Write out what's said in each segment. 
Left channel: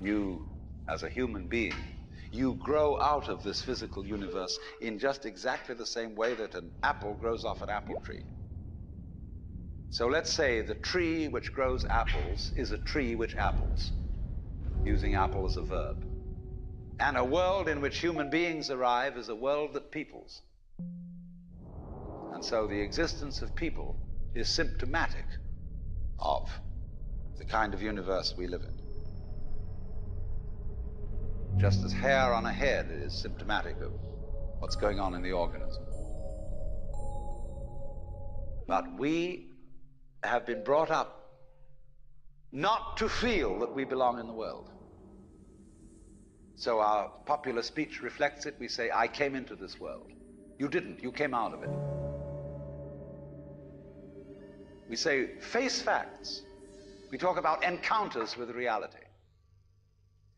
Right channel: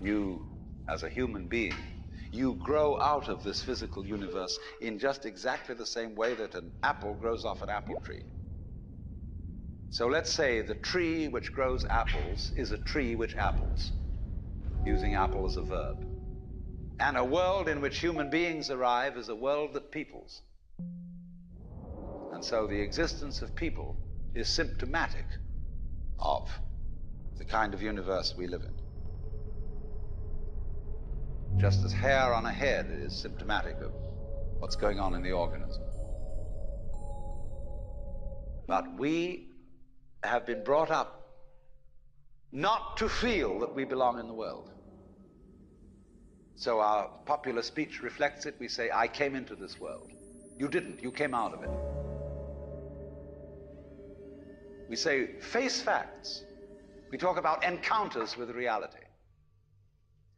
You, as a human being, you grow out of this physical universe in just exactly the same way that an apple grows off an apple tree. So let's say the tree which grows apples is a tree which apples, using apple as a verb. And a world in which human beings arrive is a world that peoples. And so the existence of people is symptomatic of the kind of universe we live in. Just as hair on a head is symptomatic of what's going on in the organism. But we have been brought up not to feel that we belong in the world. So our popular speech reflects it. We say, I came into this world. You didn't. You came out of it. We say, face facts. We talk about encounters with reality,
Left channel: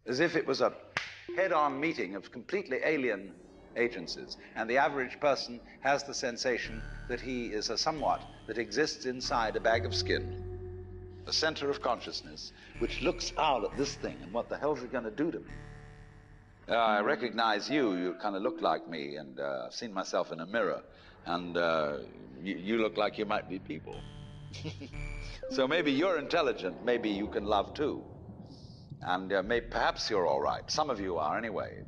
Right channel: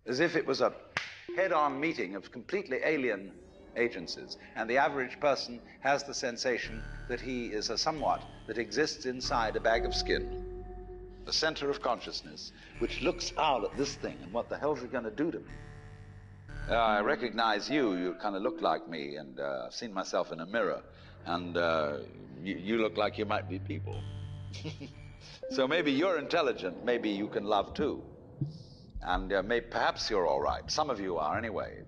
as if it was a head-on meeting of completely alien agencies, and the average person has the sensation that he is a somewhat that exists inside a bag of skin, a center of consciousness, which looks out at this thing, and what the hell's it going to do to me? I recognize you. You kind of look like me, and I've seen myself in a mirror, and you look like you might be people. So maybe you're intelligent, maybe you can love too. And perhaps you're all right. Some of you are anyway.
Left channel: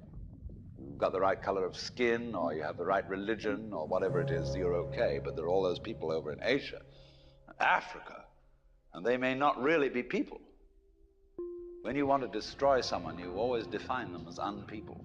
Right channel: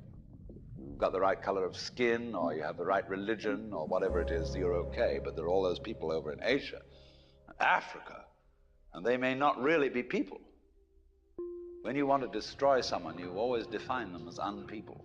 You've got the right color of skin, or you have the right religion, or whatever it is, you're okay. But there are all those people over in Asia, Africa, and they may not really be people. When you want to destroy someone, you always define them as unpeople.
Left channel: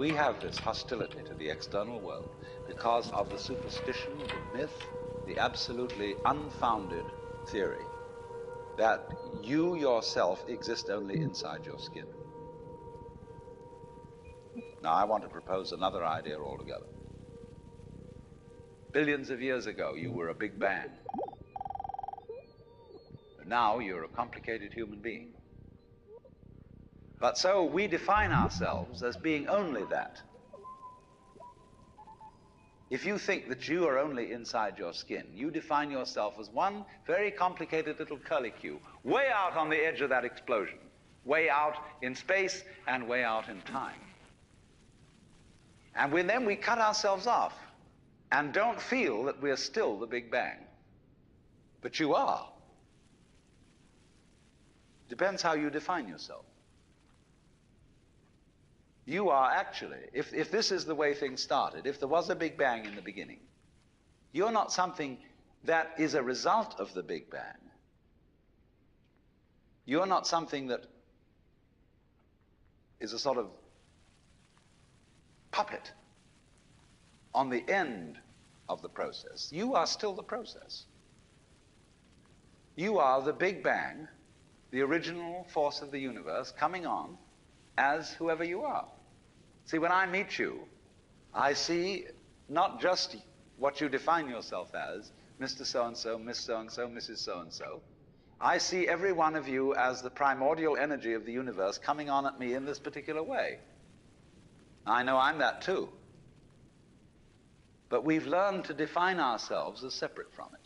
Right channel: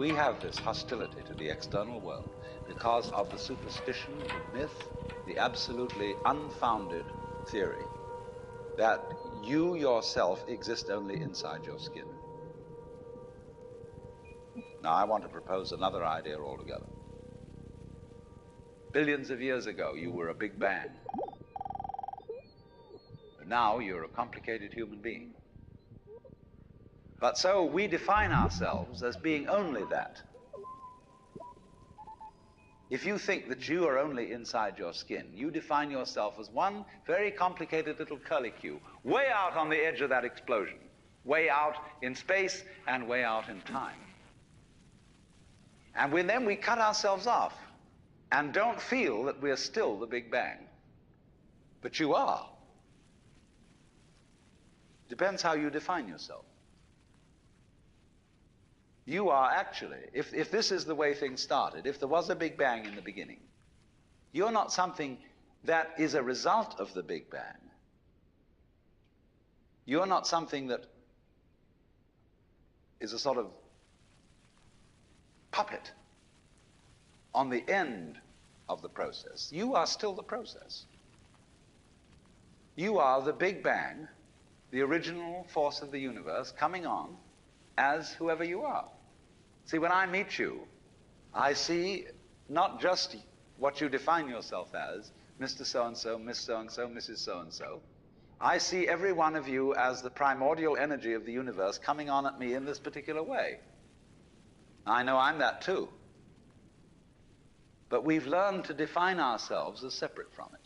We have this hostility to the external world because of the superstition, the myth, the absolutely unfounded theory that you yourself exist only inside your skin. Now, I want to propose another idea altogether. Billions of years ago, you were a big bang. But now you're a complicated human being. But so we define ourselves as being only that. If you think that you are only inside your skin, you define yourself as one very complicated little curlicue, way out on the edge of that explosion, way out in space and way out in time. And then we cut ourselves off and don't feel that we're still the Big Bang. But you are. Depends how you define yourself. You are actually, if this is the way things started, if there was a Big Bang in the beginning, you're not something that is a result of the Big Bang. You're not something that is a sort of puppet on the end of the process. You are still the process. You are the Big Bang, the original force of the universe coming on as whoever you are. See, when I meet you, I see not just what you define yourself as, Mr. So-and-so, Miss So-and-so, Mrs. So-and-so. I see every one of you as the primordial energy of the universe coming on at me in this particular way. I know I'm that too. But we've learned to define ourselves as separate from it.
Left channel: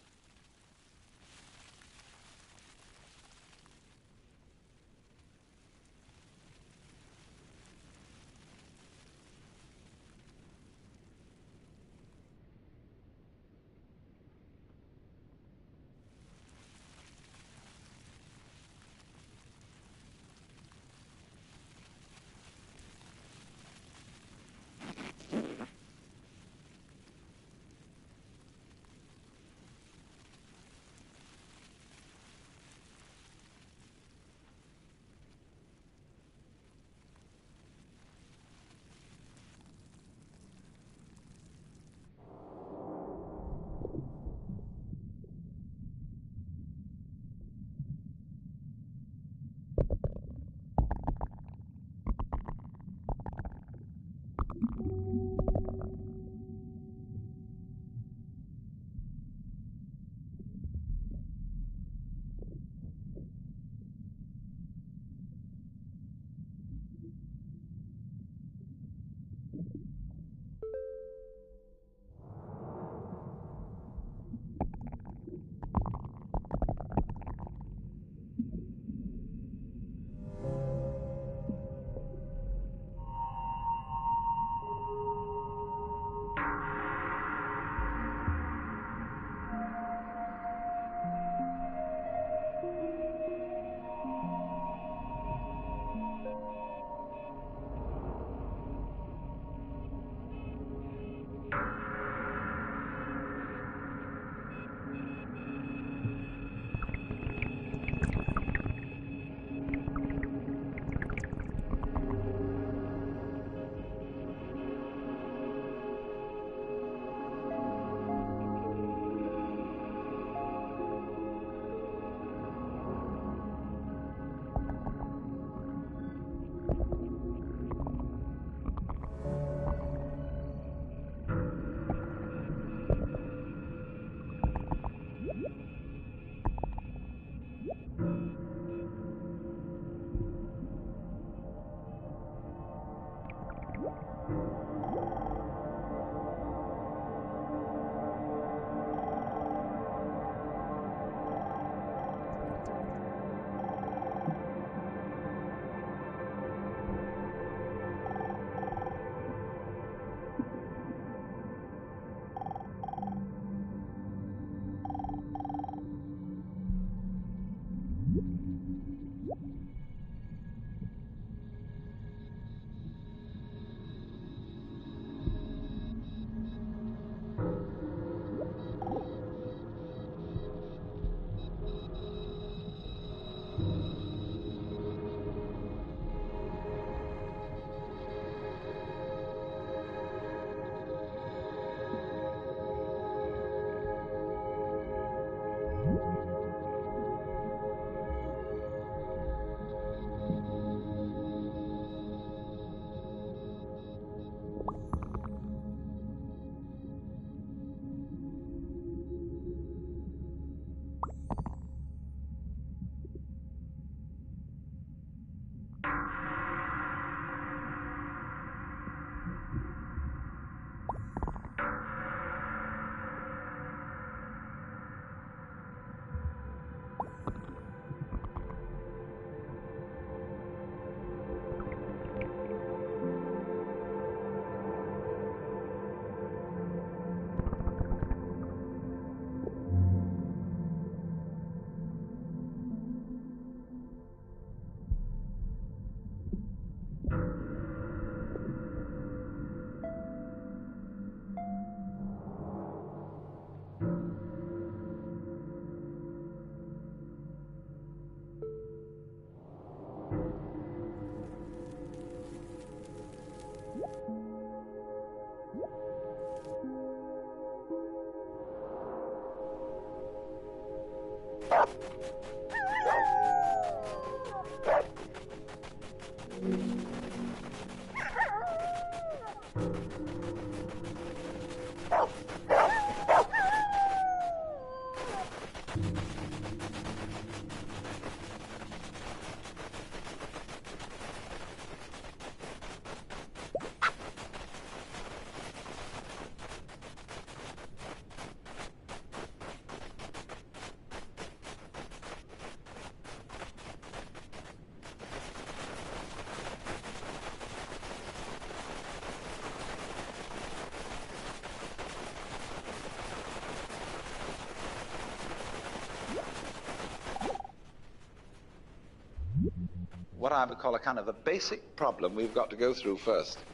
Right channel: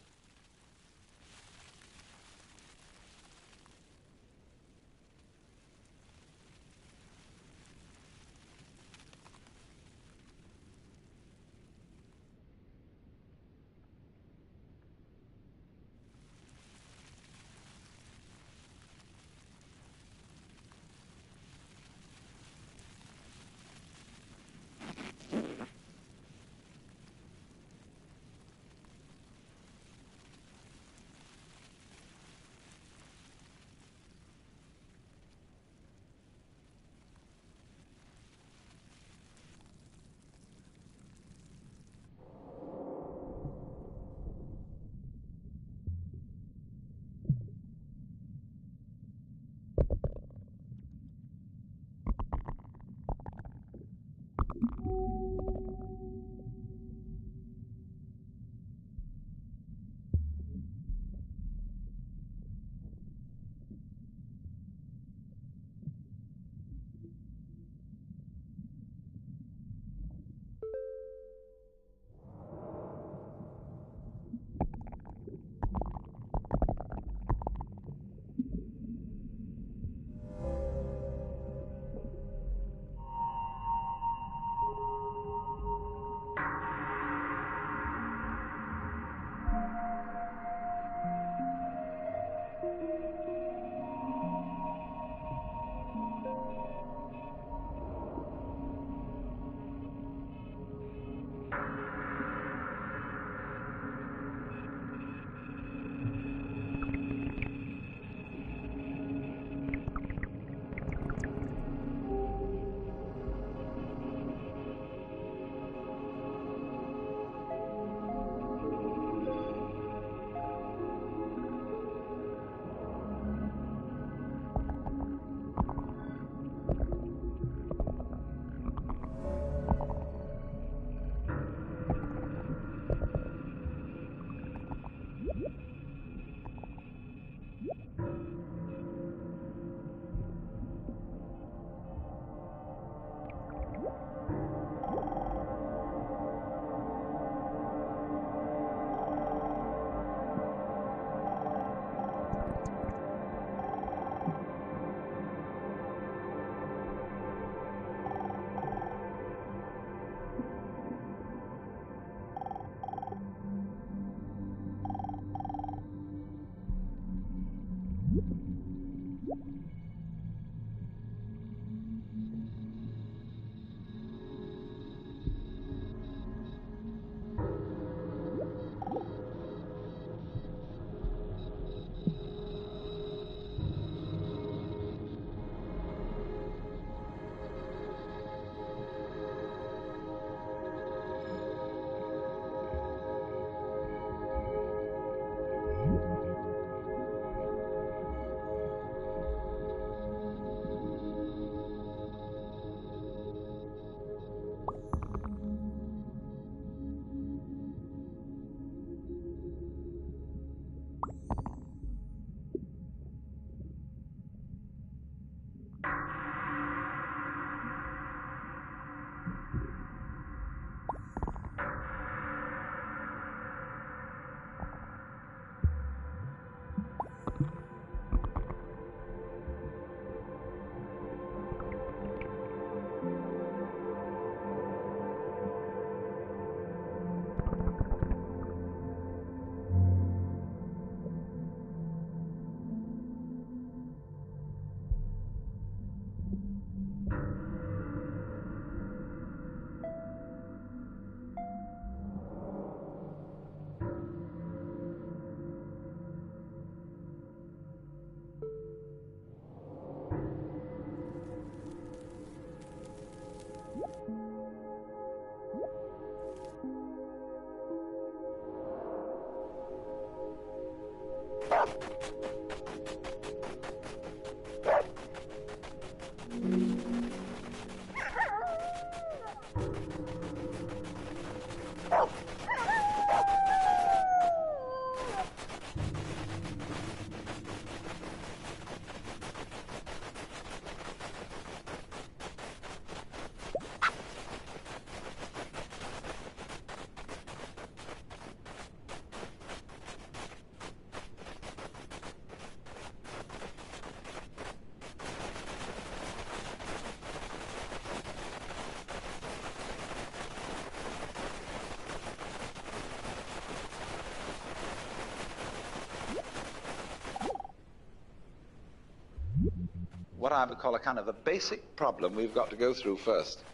What I would call a kind of a basic problem we've got to go through first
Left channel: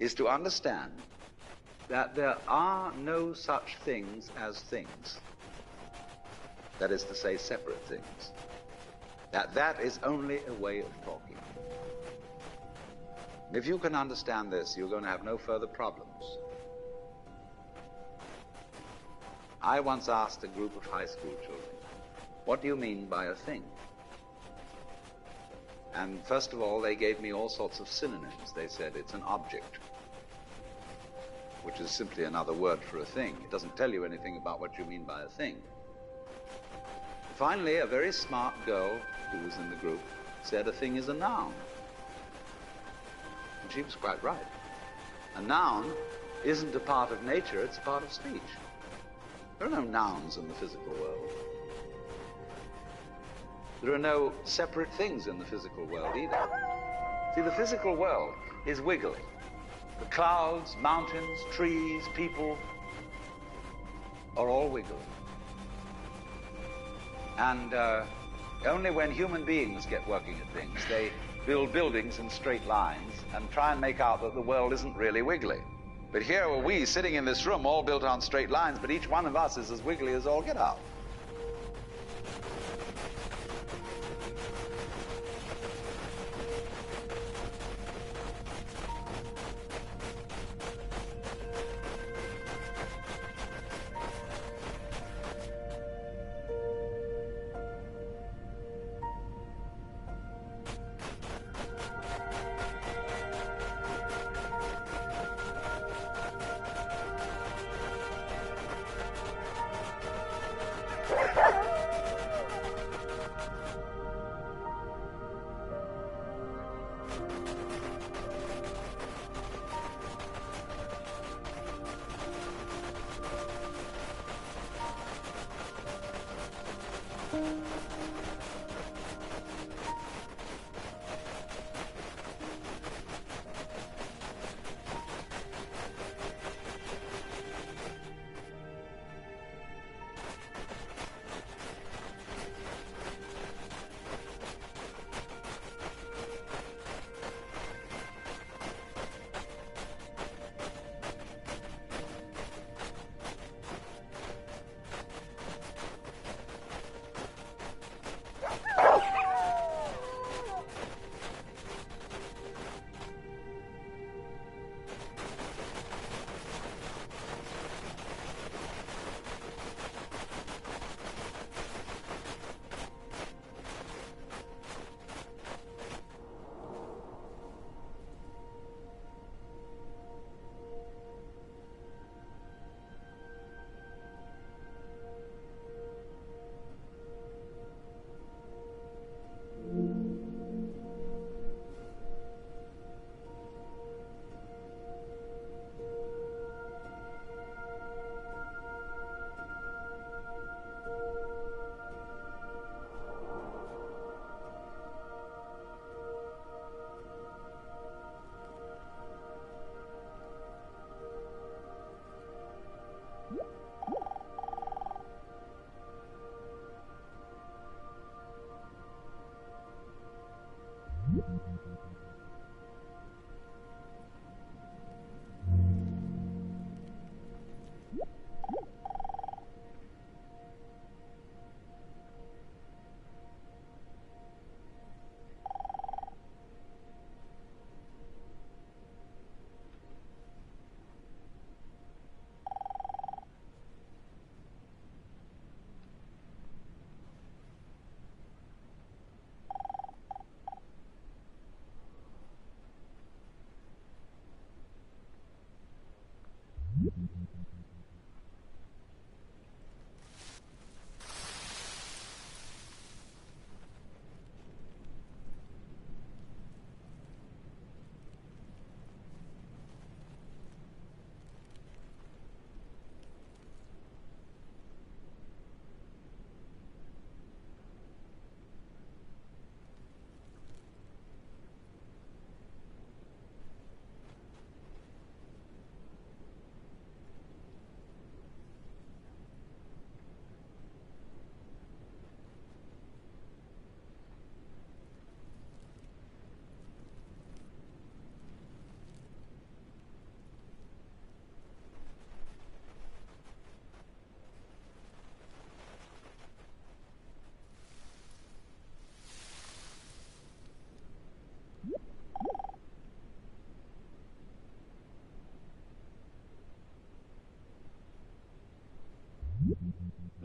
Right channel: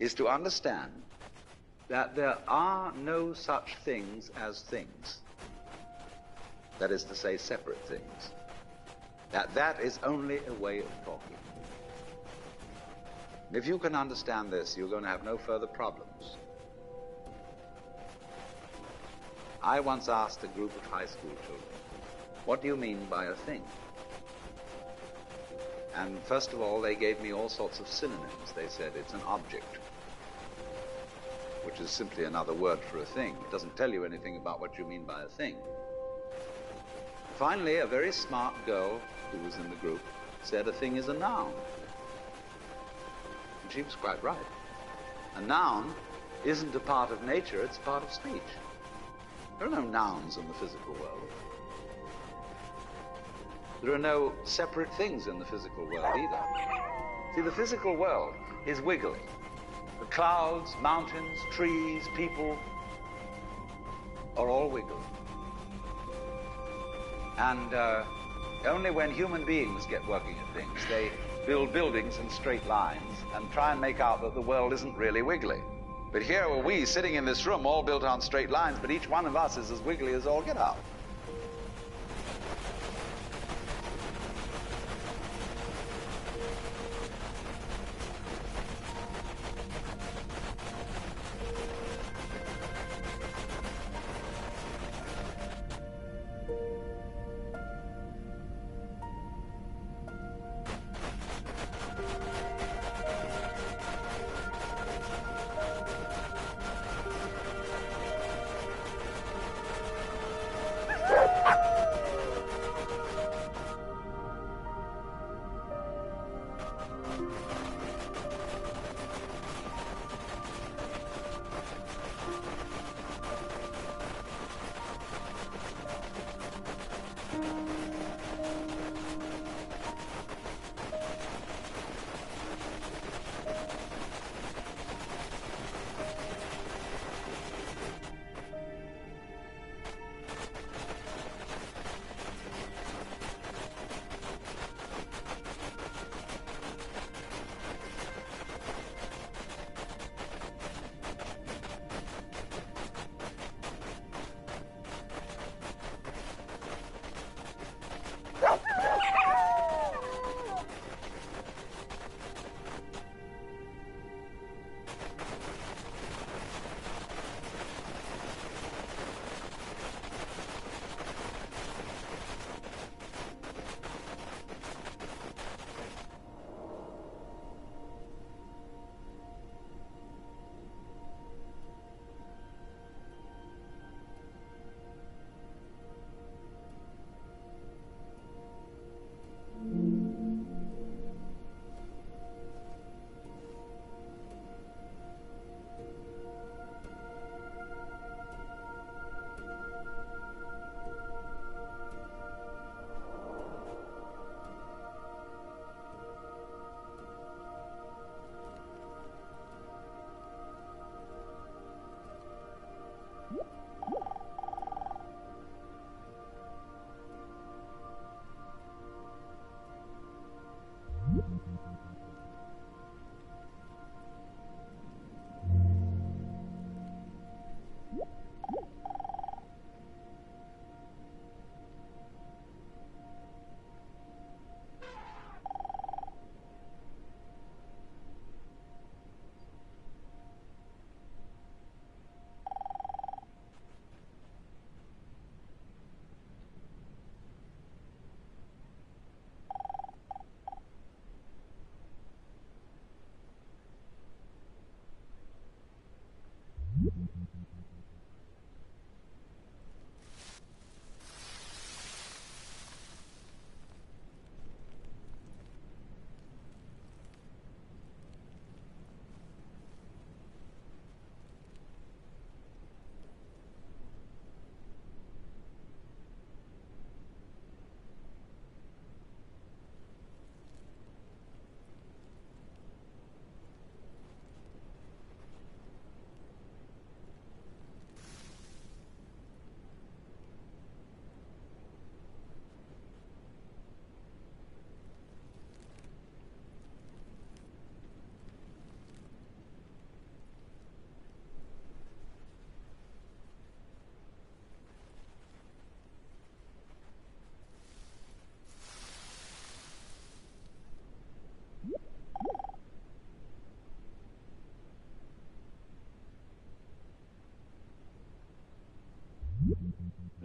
is to understand that there are no such things as things. That is to say, separate things. That is only a way of talking. If you can understand this, you're going to have no further problems. I once asked a group of high school children, what do you mean by a thing? And first of all, they gave me all sorts of synonyms. They said it's an object, which is simply another word for a thing. It doesn't tell you anything about what you mean by a thing. Finally, a very smart girl who was in the group said a thing is a noun. And she was quite right. A noun isn't a part of nature, it's a part of speech. There are no nouns in the physical world. There are no separate things in the physical world either. See, the physical world is wiggly. The clouds, mountains, trees, people are all wiggly. And only when human beings get working at things, they build buildings in straight lines and try and make out that the world isn't really wiggly. But here are we sitting in this room all built on straight lines, but each one of us is as wiggly as all get out.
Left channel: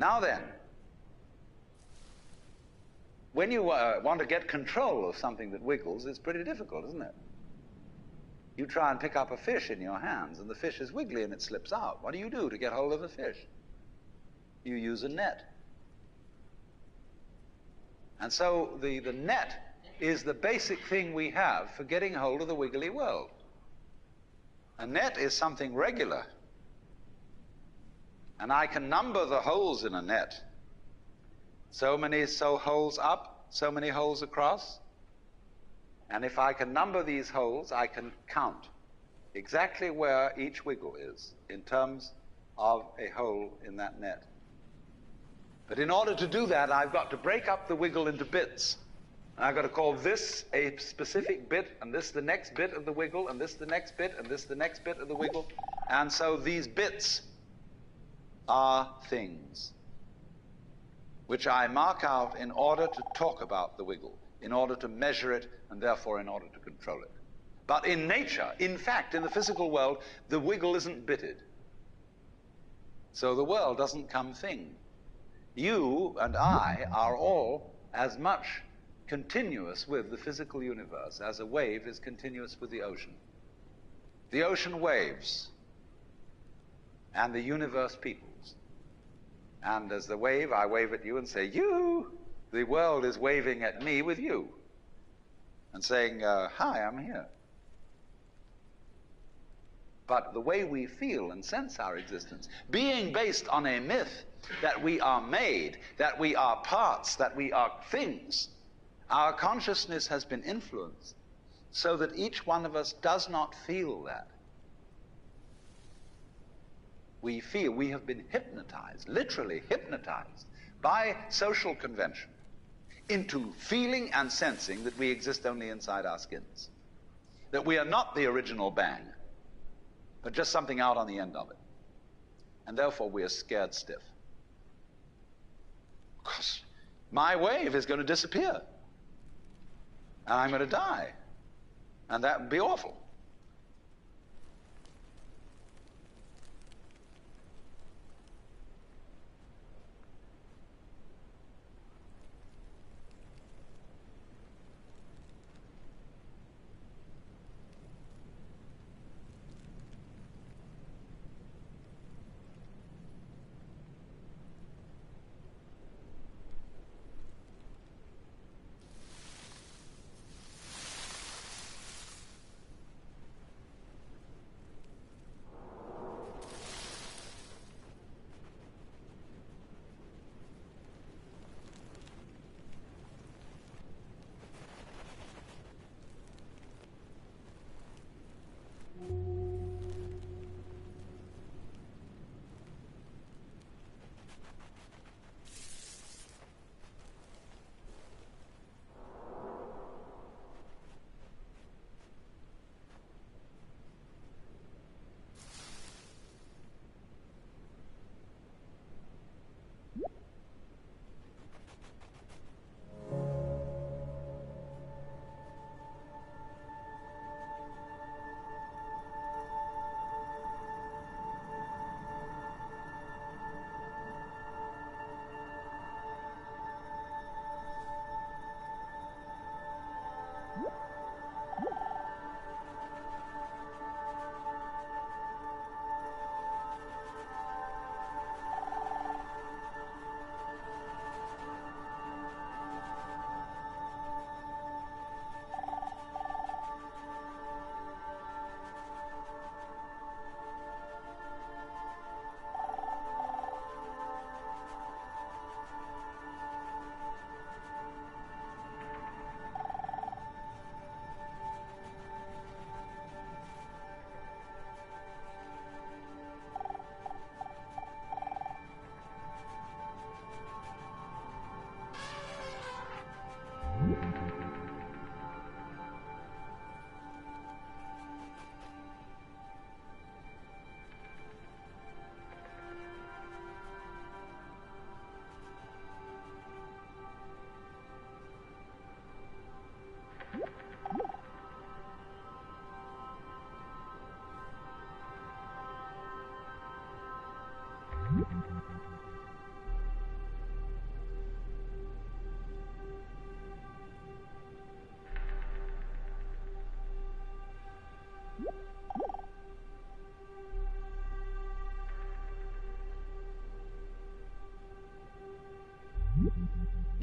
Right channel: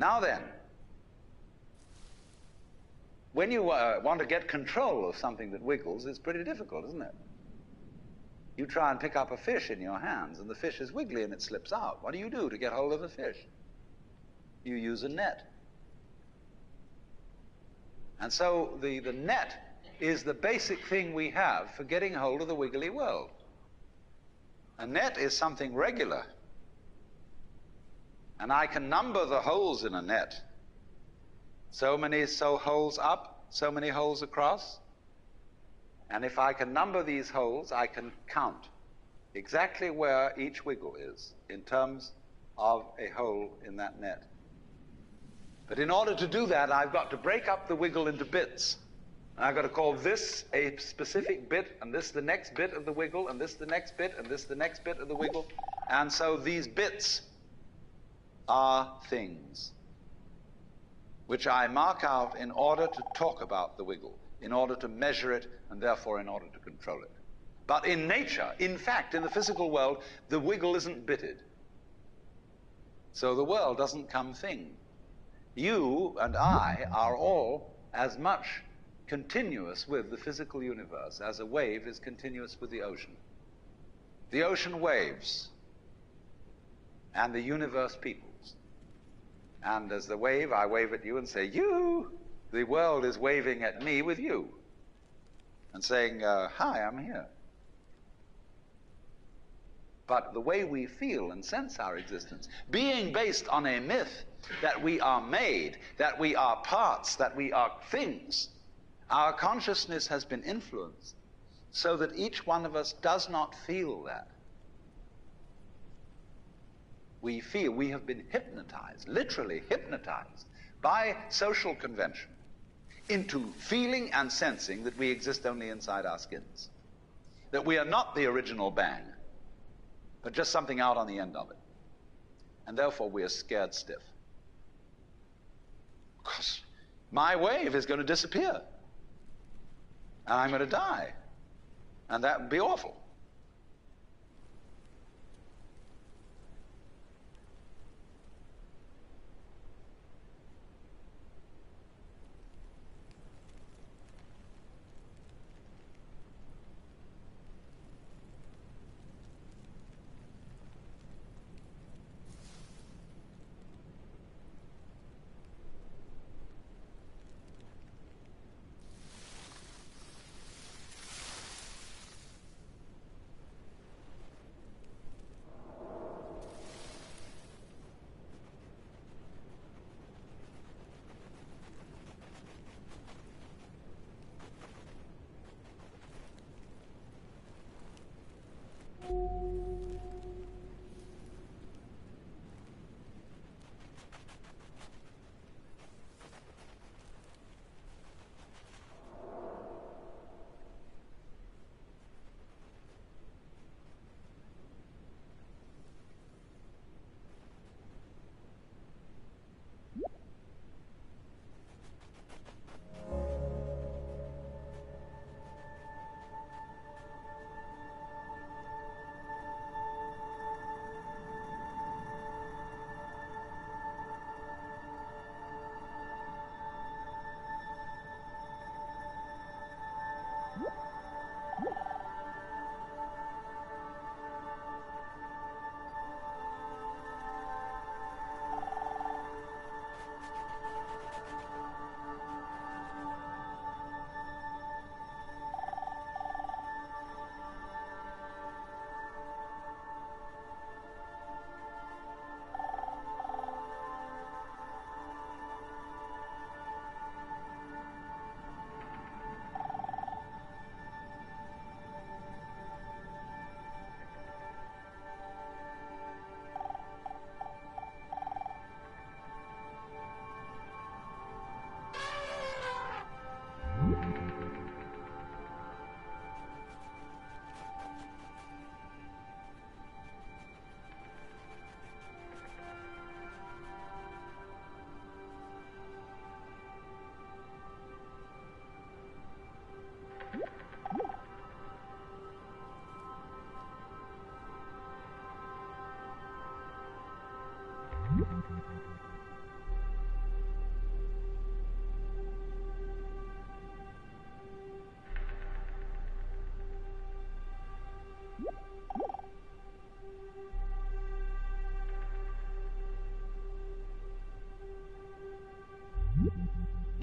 Now then, when you want to get control of something that wiggles, it's pretty difficult, isn't it? You try and pick up a fish in your hands, and the fish is wiggly and it slips out. What do you do to get hold of the fish? You use a net. And so the net is the basic thing we have for getting hold of the wiggly world. A net is something regular. And I can number the holes in a net. So many holes up, so many holes across. And if I can number these holes, I can count exactly where each wiggle is in terms of a hole in that net. But in order to do that, I've got to break up the wiggle into bits. And I've got to call this a specific bit, and this the next bit of the wiggle, and this the next bit, and this the next bit of the wiggle. And so these bits are things which I mark out in order to talk about the wiggle, in order to measure it, and therefore in order to control it. But in nature, in fact, in the physical world, the wiggle isn't bitted. So the world doesn't come thing. You and I are all as much continuous with the physical universe as a wave is continuous with the ocean. The ocean waves, and the universe peoples. And as the wave, I wave at you and say, you. The world is waving at me with you and saying, hi, I'm here. But the way we feel and sense our existence, being based on a myth that we are made, that we are parts, that we are things, our consciousness has been influenced so that each one of us does not feel that. We feel we have been hypnotized, literally hypnotized, by social convention into feeling and sensing that we exist only inside our skins, that we are not the original bang, but just something out on the end of it. And therefore we are scared stiff. Because my wave is going to disappear, and I'm going to die, and that would be awful.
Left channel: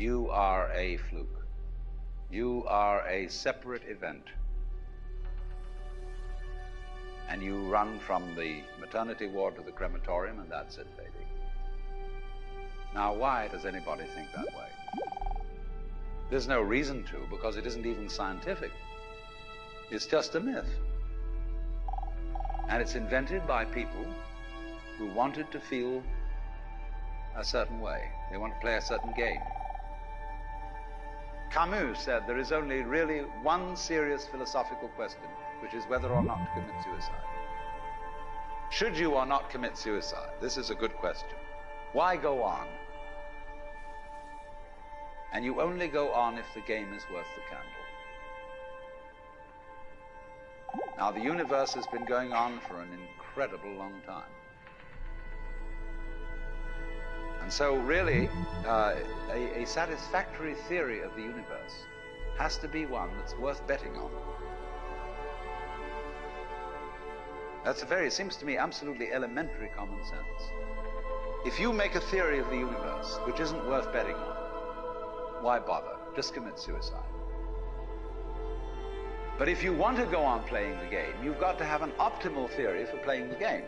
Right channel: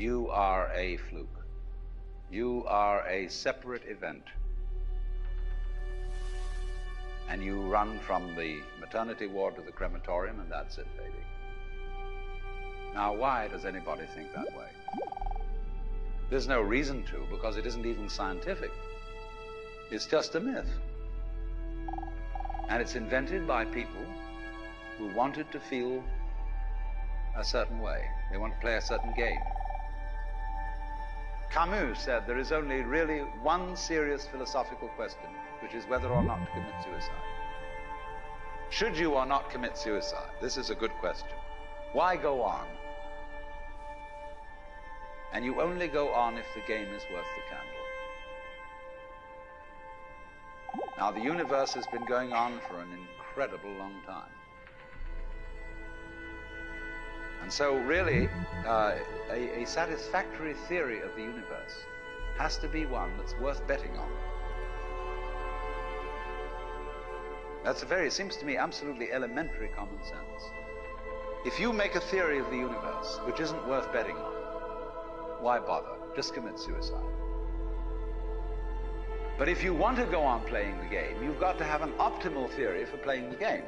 You are a fluke. You are a separate event. And you run from the maternity ward to the crematorium, and that's it, baby. Now, why does anybody think that way? There's no reason to, because it isn't even scientific. It's just a myth. And it's invented by people who wanted to feel a certain way. They want to play a certain game. Camus said there is only really one serious philosophical question, which is whether or not to commit suicide. Should you or not commit suicide? This is a good question. Why go on? And you only go on if the game is worth the candle. Now, the universe has been going on for an incredible long time. And so really, a satisfactory theory of the universe has to be one that's worth betting on. That's it seems to me, absolutely elementary common sense. If you make a theory of the universe which isn't worth betting on, why bother? Just commit suicide. But if you want to go on playing the game, you've got to have an optimal theory for playing the game.